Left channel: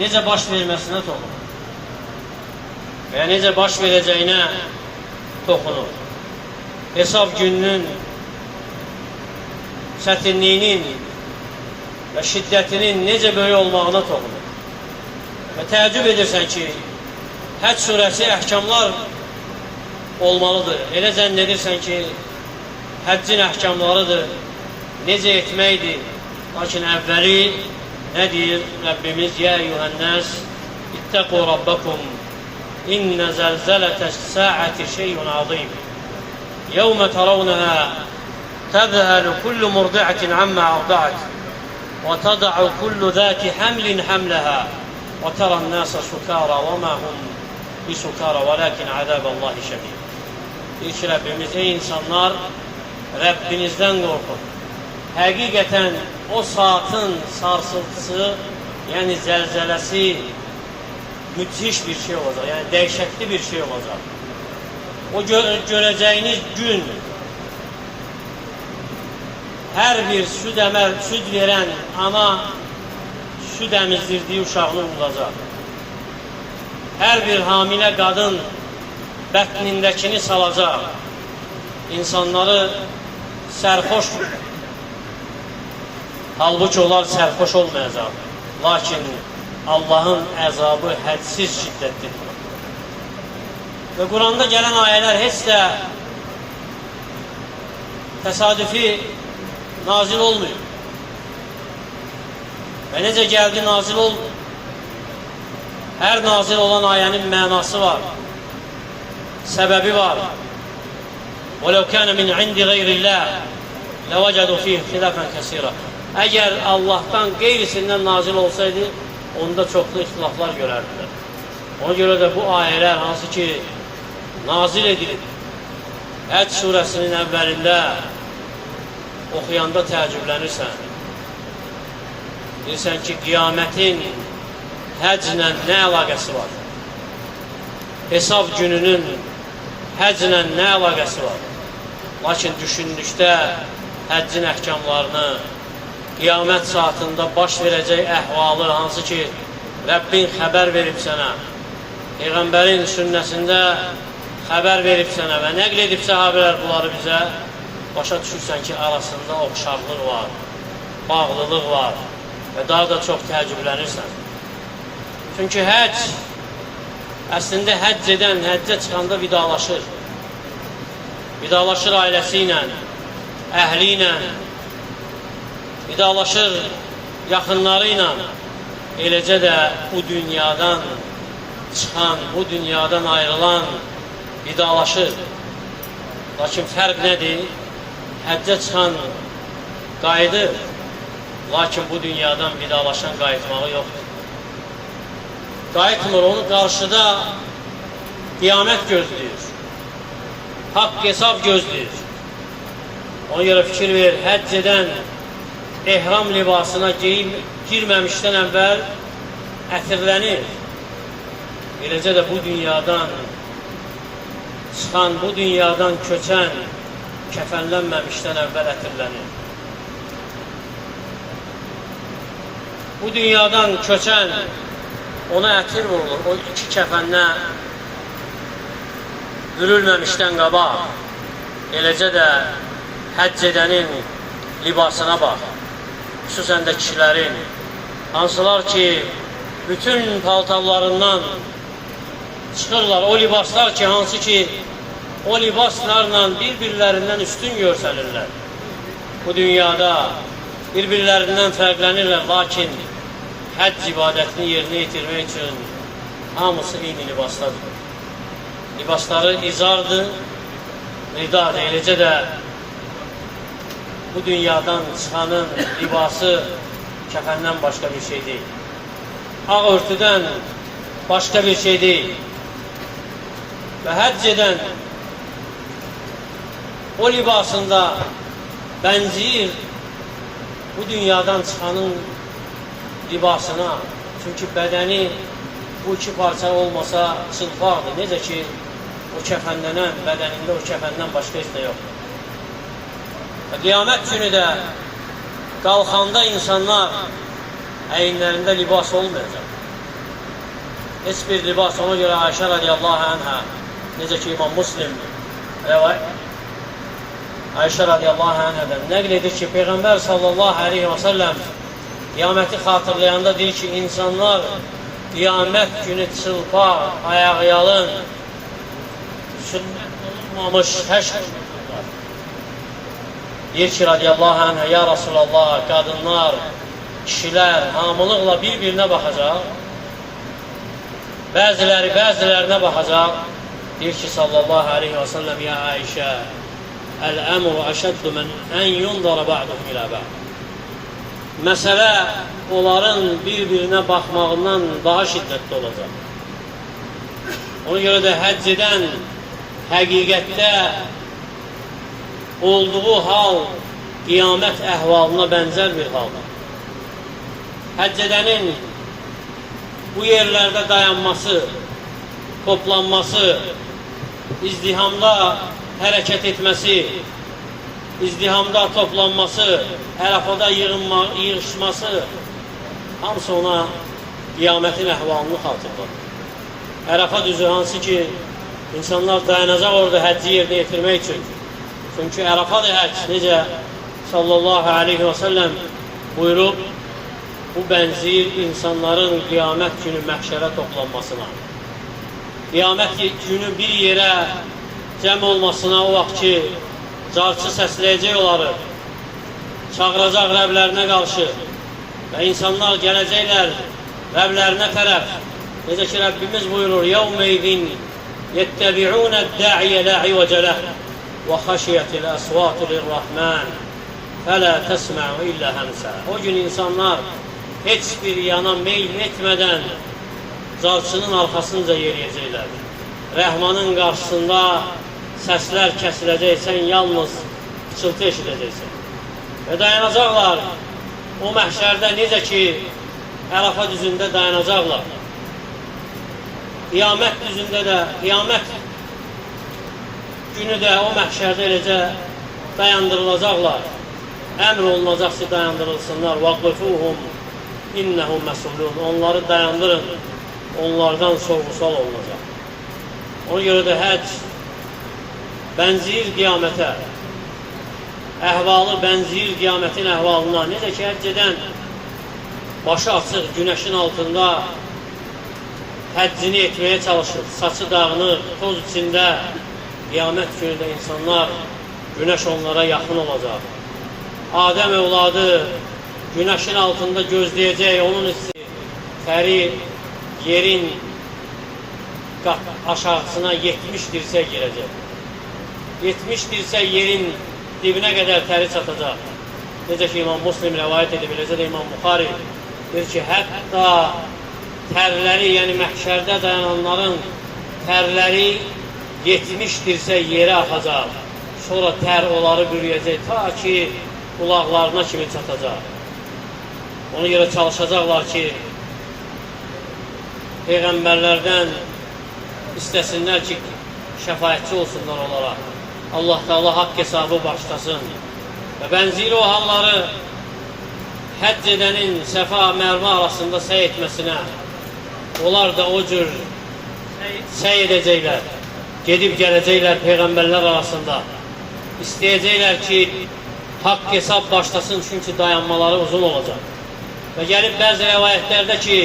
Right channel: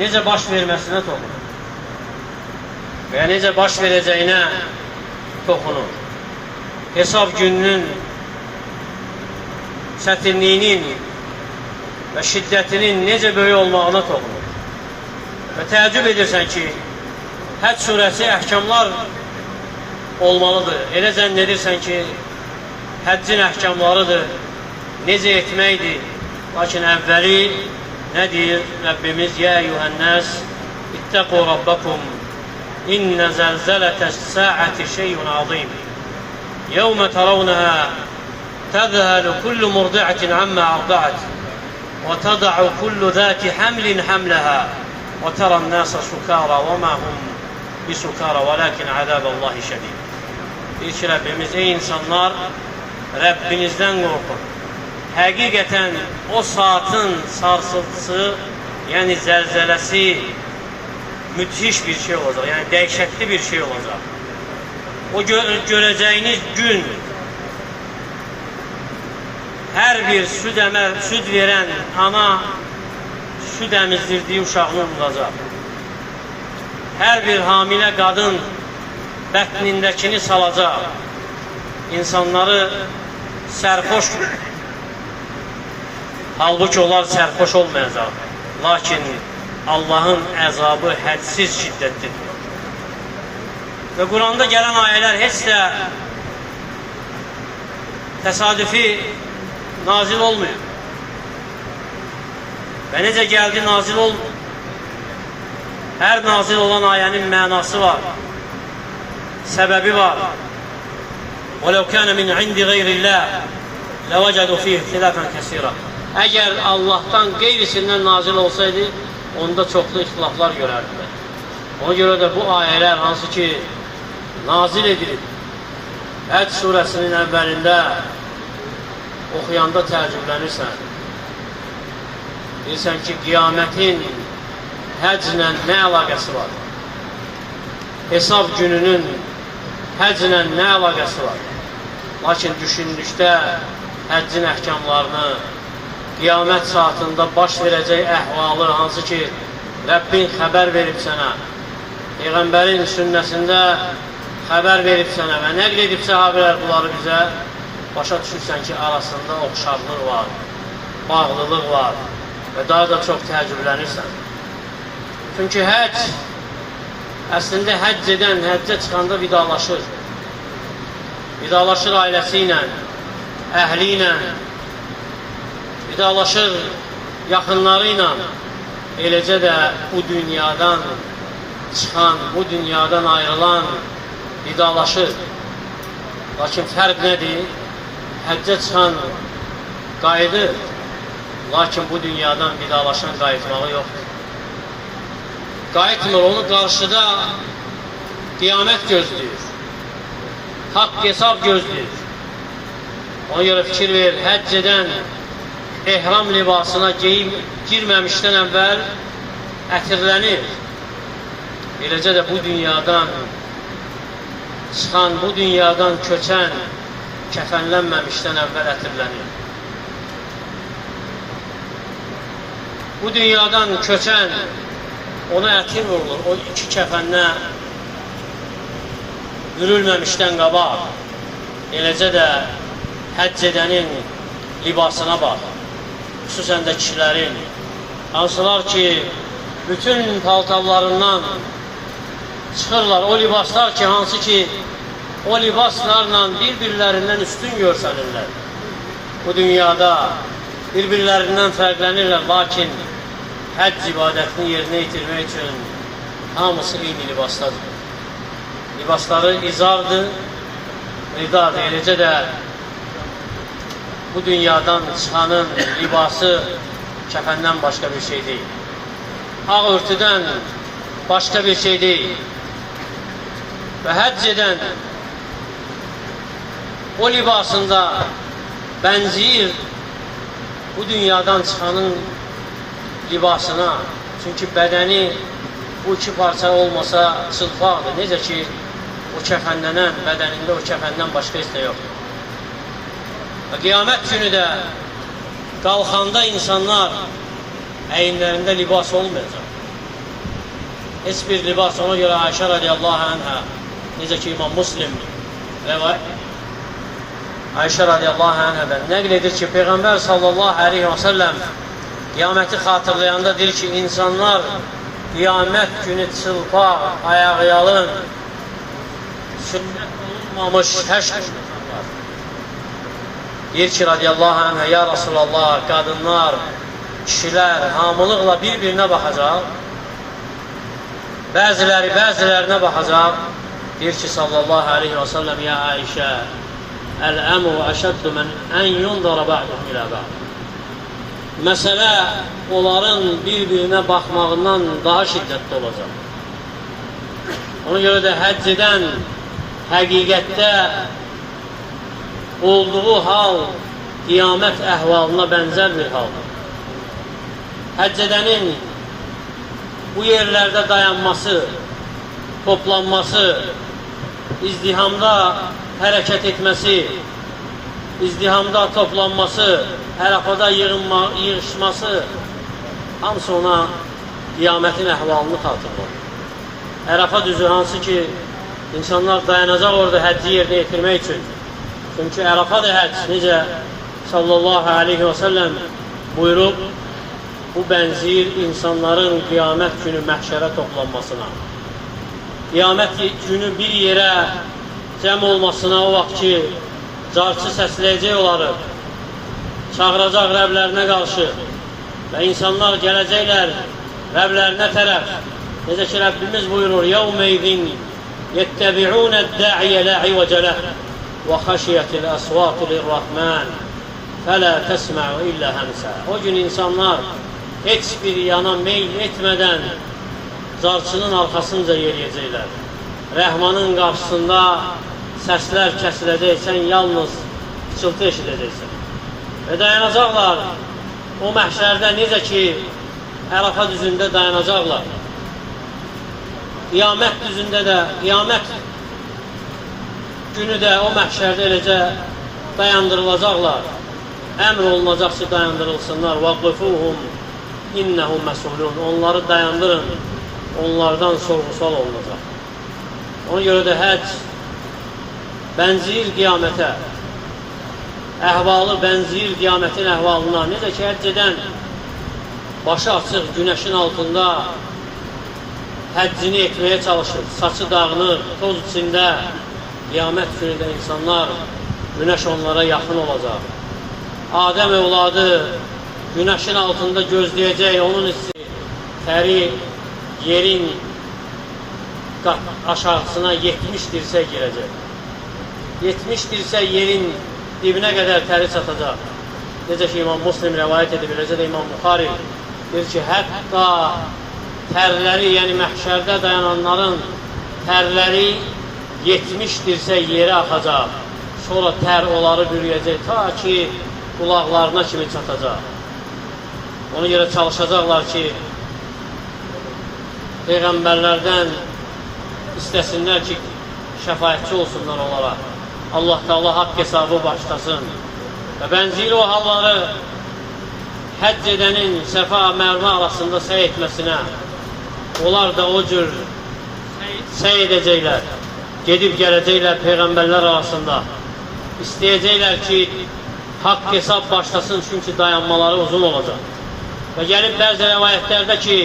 necə baş verməsinə toxunur. Və necə baş verəcəyinə toxunur. Hesab gününün çətinliyinin və şiddətinin necə böyük olmağına toxunur. Və təəccüb edirsən ki, Həcc surəsi əhkamlar olmalıdır. Elə zənn edirsən ki, həccin əhkamlarıdır, necə etməkdir. Lakin əvvəli nə deyir Rəbbimiz? Yə eyyuhənnəs, ittəqu rabbakum, innə zəlzələtəs səəti şeyun azim. Yevmə tərəvnəhə təzhəlu kullu murdi'atin əmmə arda'at və təda'u kullu zəti həmlin həmləhə və tərən nəsə sukara və mə hum bisukara vələkin əzəbəllahi şədid. Deyir ki, Rəbbimiz, ey insanlar, Rəbbinizdən qorxun. Həqiqətən o saatın sarsıntısı, yəni zəlzələsi müthiş bir şey olacaq, yəni dəhşətli bir şey olacaq. O görəcəyiniz gün hər bir süd verən ana süd əmizdirdiyi uşağını unudacaq. Hər bir hamilə qadın bətnindəkini salacaq. İnsanları sərxoş, halbuki onlar sərxoş olmayacaq. Lakin Allahın əzabı hədsiz şiddətlidir. Və Quranda gələn ayələr heç də təsadüfi nazil olmuyor. Və necə gəldi nazil olmuyor. Hər nazil olan ayənin mənası var, səbəbi var. وَلَوْ كَانَ مِنْ عِنْدِ غَيْرِ اللّٰهِ لَوَجَدُوا فِيهِ اخْتِلَافًا كَثِيرًا. Əgər Allahdan qeyrisindən nazil olsaydı, onda çoxlu ixtilaflar görərdilər. Ona görə də bu ayələr hansı ki nazil edilib, Həcc surəsinin əvvəlində oxuyanda təəccüblənirsən. Bilirsən ki, qiyamətin həcclə nə əlaqəsi var? Hesab gününün həcclə nə əlaqəsi var? Lakin düşündükdə həccin əhkamlarını, qiyamət saatında baş verəcək əhvalı, hansı ki, Rəbbin xəbər verib sənə, Peyğəmbərin sünnəsində xəbər verib sənə və nəql edib səhabələr bunları bizə, başa düşürsən ki, arasında oxşarlıq var, bağlılıq var və daha da çox təəccüblənirsən. Çünki həcc, əslində həcc edən, həccə çıxanda vidalaşır. Vidalaşır ailəsi ilə, əhli ilə, vidalaşır yaxınları ilə. Eləcə də bu dünyadan çıxan, bu dünyadan ayrılan vidalaşır. Lakin fərq nədir? Həccə çıxan qayıdır, lakin bu dünyadan vidalaşan qayıtmağı yoxdur. Qayıtmır, onu qarşıda qiyamət gözləyir, haqq hesab gözləyir. Ona görə fikir ver, həcc edən ehram libasına girməmişdən əvvəl ətirlənir. Eləcə də bu dünyadan çıxan, bu dünyadan köçən kəfənlənməmişdən əvvəl ətirlənir. Bu dünyadan köçən ona ətir olur, o iki kəfənlə bürülməmişdən qabaq. Eləcə də həcc edənin libasına bax, xüsusən də kişilərin, hansılar ki, bütün paltarlarından çıxırlar, o libaslar ki, hansı ki, o libaslarla bir-birlərindən üstün görsənirlər. Bu dünyada bir-birlərindən fərqlənirlər, lakin həcc ibadətini yerinə yetirmək üçün hamısı eyni libasdadır. Libasları izardır, ridadır. Eləcə də bu dünyadan çıxanın libası kəfəndən başqa bir şey deyil. Ağ örtüdən başqa bir şey deyil. Və həcc edən o libasında bənziyir bu dünyadan çıxanın libasına. Çünki bədəni bu iki parça olmasa çılpaqdır. Necə ki, o kəfənlənən bədənində o kəfəndən başqa heç nə yoxdur. Və qiyamət günü də qalxanda insanlar əyinlərində libas olmayacaq. heç bir libas. Ona görə Ayşə radiyallahu anhə, necə ki İmam Muslim Ayşə radiyallahu anhədən nəql edir ki, Peyğəmbər sallallahu aleyhi və səlləm qiyaməti xatırlayanda deyir ki, insanlar qiyamət günü çılpaq, ayaqyalın, sünnət olunmamış həşr olunurlar. Deyir ki, radiyallahu anhə, ya Rasulallah, qadınlar, kişilər hamılıqla bir-birinə baxacaq, bəziləri bəzilərinə baxacaq. Deyir ki, sallallahu aleyhi və səlləm, ya Ayşə, əl-əmru əşəddu mən ən yundara ba'duhum ilə ba'd. Məsələ onların bir-birinə baxmağından daha şiddətli olacaq. Ona görə də həcc edən həqiqətdə olduğu hal qiyamət əhvalına bənzər bir haldır. Həcc edənin bu yerlərdə dayanması, toplanması, izdihamda hərəkət etməsi, izdihamda toplanması, Ərəfada yığışması, hamısı ona qiyamətin əhvalını xatırladır. Ərəfa düzü hansı ki, insanlar dayanacaq orada həcci yerinə yetirmək üçün. Çünki Ərəfadır həcc, necə sallallahu aleyhi və səlləm buyurub, bu bənzir insanların qiyamət günü məhşərə toplanmasına. Qiyamət günü bir yerə cəm olmasına o vaxt ki, carçı səsləyəcək onları, çağıracaq Rəblərinə qarşı və insanlar gələcəklər Rəblərinə tərəf. Necə ki, Rəbbimiz buyurur, يَوْمَيْذٍ يَتَّبِعُونَ الدَّعِيَ لَا عِوَجَ لَهُ وَخَشِيَتِ الْأَصْوَاتُ لِلرَّحْمَنِ فَلَا تَسْمَعُ إِلَّا هَمْسًا. O gün insanlar heç bir yana meyl etmədən carçının arxasınca yeriyəcəklər. Rəhmanın qarşısında səslər kəsiləcək, sən yalnız pıçıltı eşidəcəksən. Və dayanacaqlar o məhşərdə necə ki, Ərəfa düzündə dayanacaqlar. Qiyamət düzündə də, qiyamət günü də o məhşərdə eləcə dayandırılacaqlar. Əmr olunacaq ki, dayandırılsınlar. وَقْفُوهُمْ إِنَّهُمْ مَسْئُولُونَ. Onları dayandırın, onlardan sorğu-sual olunacaq. Ona görə də həcc bənzir qiyamətə, əhvalı bənzir qiyamətin əhvalına. Necə ki, həcc edən başı açıq günəşin altında həccini etməyə çalışır, saçı dağınır, toz içində. Qiyamət günündə insanlar, günəş onlara yaxın olacaq. Adəm övladı günəşin altında gözləyəcək, onun hissi, təri yerin aşağısına 70 dirsək girəcək. 70 dirsək yerin dibinə qədər təri çatacaq. Necə ki, İmam Muslim rəvayət edib, eləcə də İmam Buxari deyir ki, hətta tərləri, yəni məhşərdə dayananların tərləri 70 dirsək yerə axacaq. Sonra tər onları bürüyəcək, ta ki, qulaqlarına kimi çatacaq. Ona görə çalışacaqlar ki, Peyğəmbərlərdən istəsinlər ki, şəfayətçi olsunlar onlara. Allah Teala haqq hesabı başlasın. Və bənziri o halları həcc edənin Səfa Mərvə arasında səy etməsinə, onlar da o cür səy edəcəklər, gedib gələcəklər Peyğəmbərlər arasında. İstəyəcəklər ki, haqq hesab başlasın, çünki dayanmaları uzun olacaq. Və gəlib bəzi rəvayətlərdə ki,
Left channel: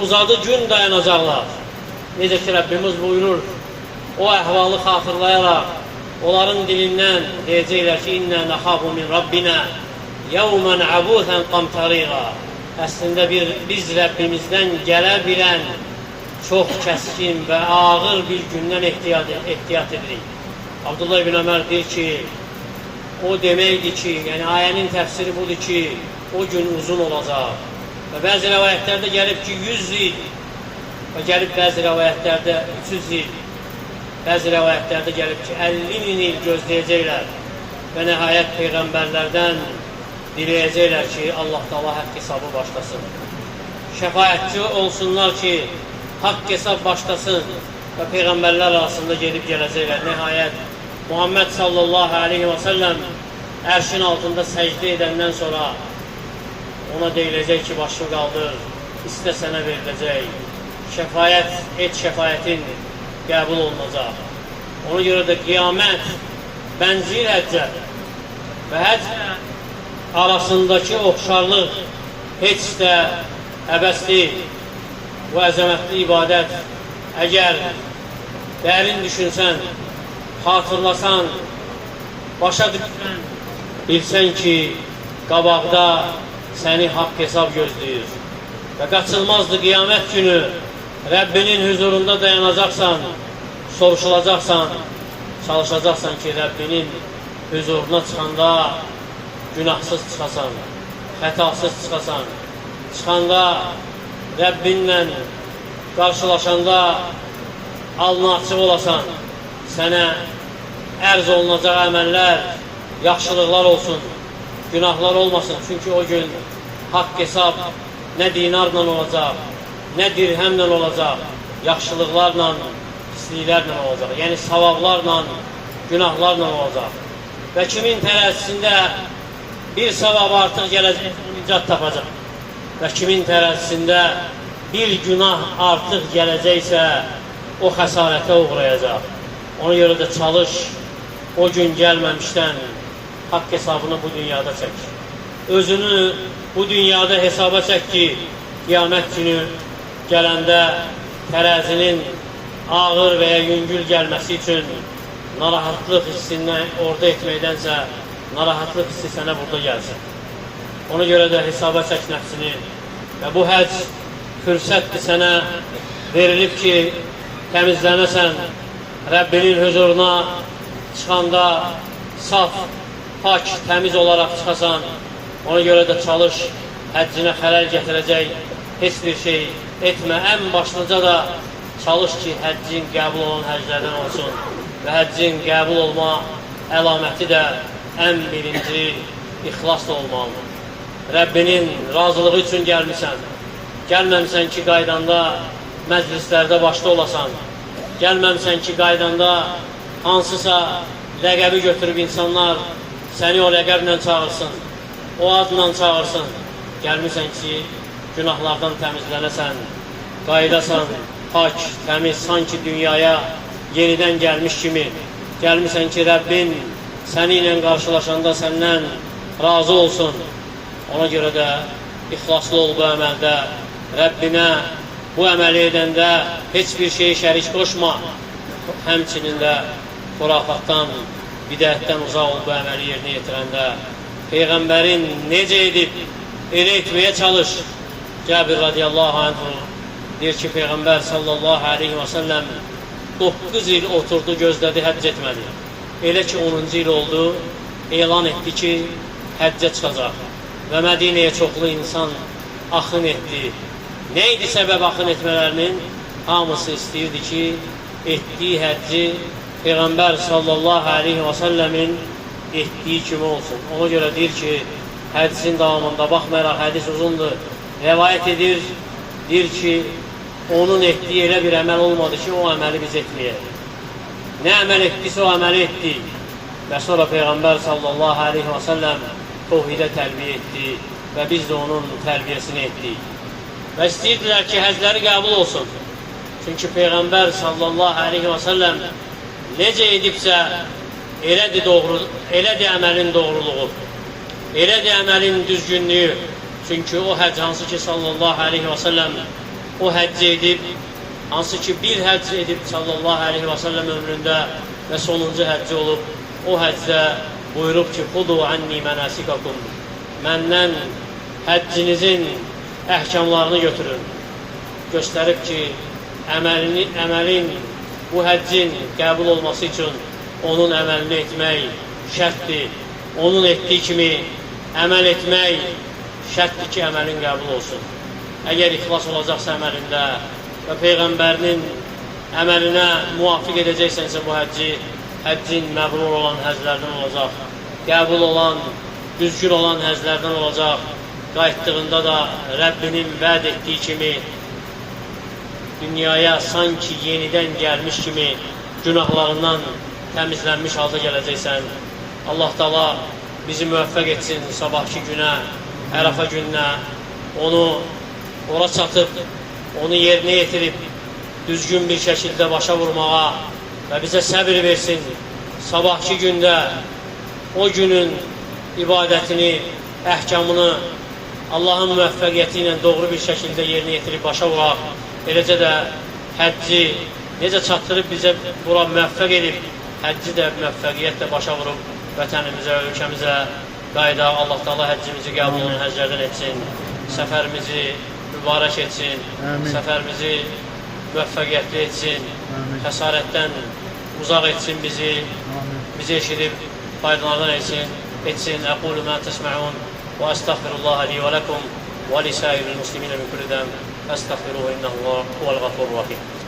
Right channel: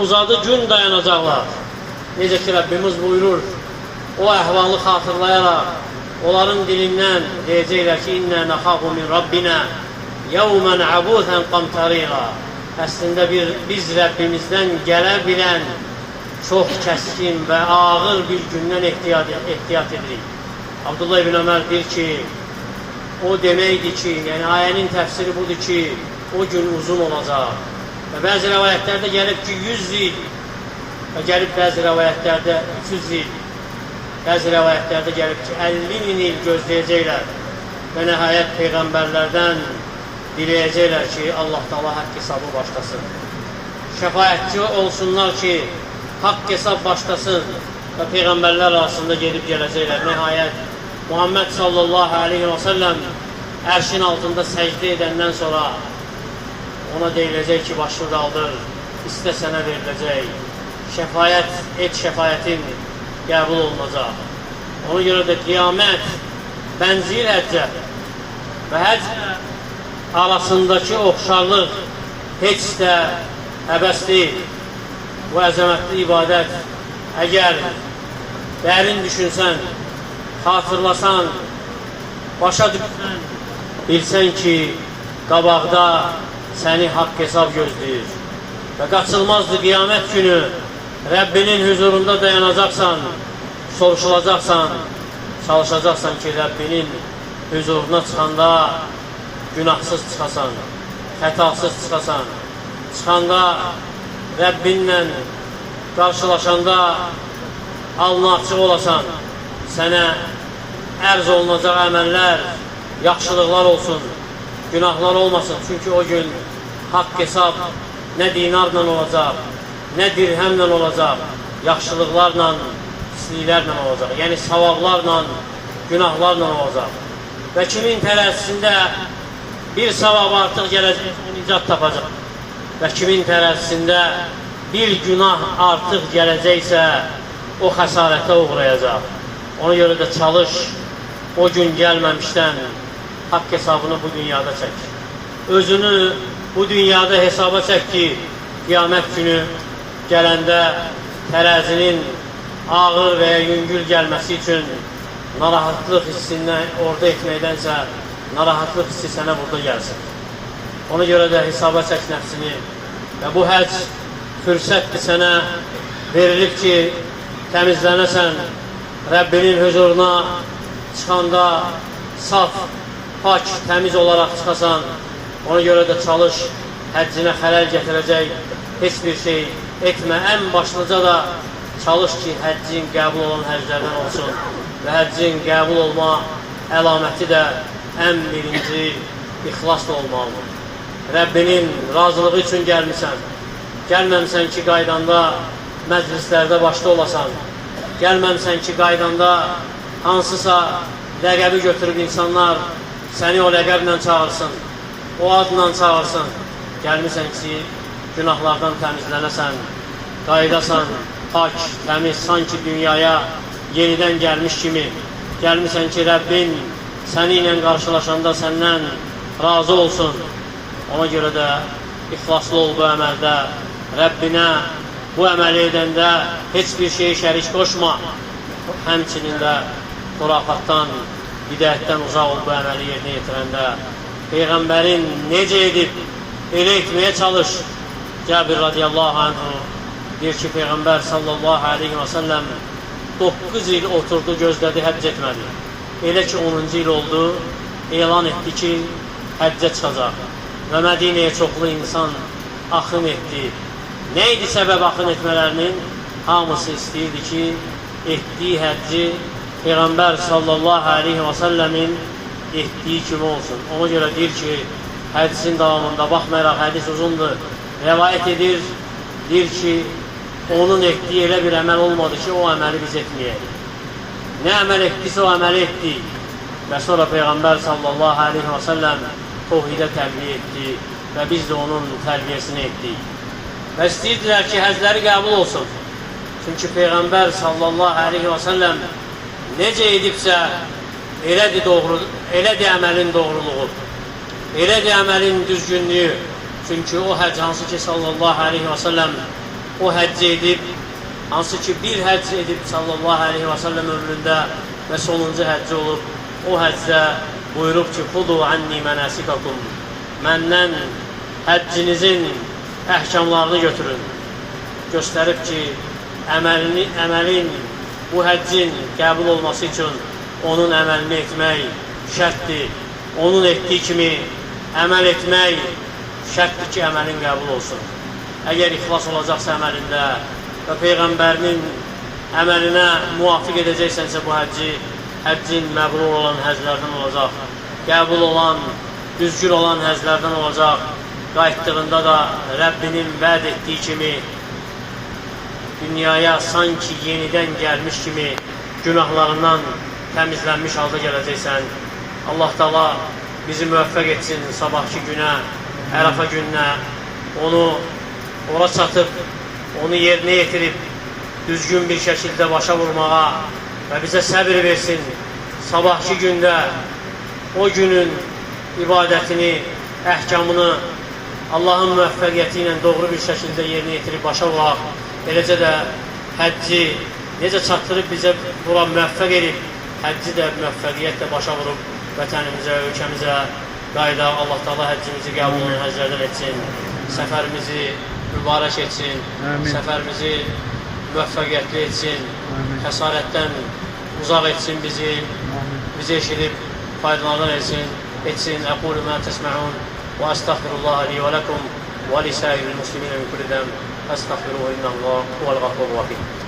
uzadı gün dayanacaqlar. Necə ki, Rəbbimiz buyurur, o əhvalı xatırlayaraq, onların dilindən deyəcəklər ki, İnnə nəxabu min Rabbinə yəvmən əbuthən qamtarira. Əslində biz Rəbbimizdən gələ bilən çox kəskin və ağır bir gündən ehtiyat edirik. Abdullah ibn Ömər deyir ki, o deməkdir ki, yəni ayənin təfsiri budur ki, o gün uzun olacaq. Və bəzi rəvayətlərdə gəlib ki, 100 il və gəlib bəzi rəvayətlərdə 300 il, bəzi rəvayətlərdə gəlib ki, 50 il gözləyəcəklər və nəhayət Peyğəmbərlərdən diləyəcəklər ki, Allah Teala haqq hesabı başlasın. Şəfayətçi olsunlar ki, haqq hesab başlasın və Peyğəmbərlər arasında gedib gələcəklər. Nəhayət, Muhammed sallallahu aleyhi və səlləm ərşin altında səcdə edəndən sonra ona deyiləcək ki, başını qaldır, istə sənə veriləcək, şəfayət et, şəfayətin qəbul olunacaq. Ona görə də qiyamət bənzir həccə və həcc arasındakı oxşarlıq heç də əbəs deyil. Bu əzəmətli ibadət əgər dərin düşünsən, xatırlasan, başa düşsən, bilsən ki, qabaqda səni haqq hesab gözləyir. Və qaçılmazdır qiyamət günü, Rəbbinin huzurunda dayanacaqsan, soruşulacaqsan, çalışacaqsan ki, Rəbbinin huzuruna çıxanda günahsız çıxasan, xətasız çıxasan, çıxanda Rəbbinlə qarşılaşanda alnı açıq olasan, sənə ərz olunacaq əməllər, yaxşılıqlar olsun, günahlar olmasın. Çünki o gün haqq hesab nə dinarla olacaq, nə dirhəmlə olacaq, yaxşılıqlarla, pisliklərlə olacaq. Yəni savablarla, günahlarla olacaq. Və kimin tərəzisində bir savab artıq gələcək, o nicat tapacaq. Və kimin tərəzisində bir günah artıq gələcəksə, o xəsarətə uğrayacaq. Ona görə də çalış, o gün gəlməmişdən haqq hesabını bu dünyada çək. Özünü bu dünyada hesaba çək ki, qiyamət günü gələndə tərəzinin ağır və ya yüngül gəlməsi üçün narahatlıq hissini orada etməkdənsə, narahatlıq hissi sənə burada gəlsin. Ona görə də hesaba çək nəfsini və bu həcc fürsətdir sənə verilib ki, təmizlənəsən, Rəbbinin huzuruna çıxanda saf, pak, təmiz olaraq çıxasan. Ona görə də çalış, həccinə xələl gətirəcək heç bir şey etmə. Ən başlıca da çalış ki, həccin qəbul olan həclərdən olsun və həccin qəbul olma əlaməti də ən birinci ixlasla olmalıdır. Rəbbinin razılığı üçün gəlmirsən, gəlməmsən ki, qaydanda məclislərdə başda olasan, gəlməmsən ki, qaydanda hansısa ləqəbi götürüb insanlar səni o ləqəblə çağırsın, o adla çağırsın. Gəlmirsən ki, günahlardan təmizlənəsən, qaydasan, pak, təmiz, sanki dünyaya yenidən gəlmiş kimi. Gəlmirsən ki, Rəbbin səni ilə qarşılaşanda səndən razı olsun. Ona görə də ixlaslı ol bu əməldə, Rəbbinə bu əməli edəndə heç bir şeyi şərik qoşma. Həmçinin də xurafatdan, bidətdən uzaq ol bu əməli yerinə yetirəndə. Peyğəmbərin necə edib, elə etməyə çalış. Cəbir radiyallahu anhu deyir ki, Peyğəmbər sallallahu aleyhi və səlləm 9 il oturdu, gözlədi, həcc etmədi. Elə ki, 10-cu il oldu, elan etdi ki, həccə çıxacaq. Və Mədinəyə çoxlu insan axın etdi. Nə idi səbəb axın etmələrinin? Hamısı istəyirdi ki, etdiyi həcci Peyğəmbər sallallahu aleyhi və səlləmin etdiyi kimi olsun. Ona görə deyir ki, hədisin davamında, baxmayaraq hədis uzundur, rəvayət edir, deyir ki, onun etdiyi elə bir əməl olmadı ki, o əməli biz etməyək. Nə əməl etdiysə o əməli etdik. Və sonra Peyğəmbər sallallahu aleyhi və səlləm tohidə tərbiyə etdi və biz də onun tərbiyəsini etdik. Və istəyirdilər ki, həzləri qəbul olsun. Çünki Peyğəmbər sallallahu aleyhi və səlləm necə edibsə, elədir əməlin doğruluğu, elədir əməlin düzgünlüyü. Çünki o həcc hansı ki, sallallahu aleyhi və səlləm o həcc edib, hansı ki, bir həcc edib sallallahu aleyhi və səlləm ömründə və sonuncu həcci olub, o həccdə buyurub ki, xudu anni mənasikakum, məndən həccinizin əhkamlarını götürün. Göstərib ki, əməlin, bu həccin qəbul olması üçün onun əməlini etmək şərtdir. Onun etdiyi kimi əməl etmək şərtdir ki, əməlin qəbul olsun. Əgər ixlas olacaqsa əməlində və Peyğəmbərinin əməlinə müvafiq edəcəksənsə bu həcci, həccin məbrur olan həcclərdən olacaq, qəbul olan, düzgün olan həcclərdən olacaq. Qayıtdığında da Rəbbinin vəd etdiyi kimi dünyaya sanki yenidən gəlmiş kimi günahlarından təmizlənmiş halda gələcəksən. Allah Taala bizi müvəffəq etsin sabahki günə, Ərəfə gününə, onu ora çatıb onu yerinə yetirib düzgün bir şəkildə başa vurmağa və bizə səbir versin. Sabahki gündə o günün ibadətini, əhkamını Allahın müvəffəqiyyəti ilə doğru bir şəkildə yerinə yetirib başa vuraq. Eləcə də həcci necə çatdırıb bizə bura müvəffəq edib, həcci də müvəffəqiyyətlə başa vurub vətənimizə, ölkəmizə qayıdaq. Allah Teala həccimizi qəbul olunan həclərdən etsin, səfərimizi mübarək etsin, səfərimizi müvəffəqiyyətli etsin, xəsarətdən uzaq etsin bizi, bizi eşidib faydalardan etsin. Əqulu mə təsmə'un və əstəğfirullah li və ləkum və li səiril muslimin min kulli dəm. Əstəğfiruhu innəhu huvəl ğafurur rahim.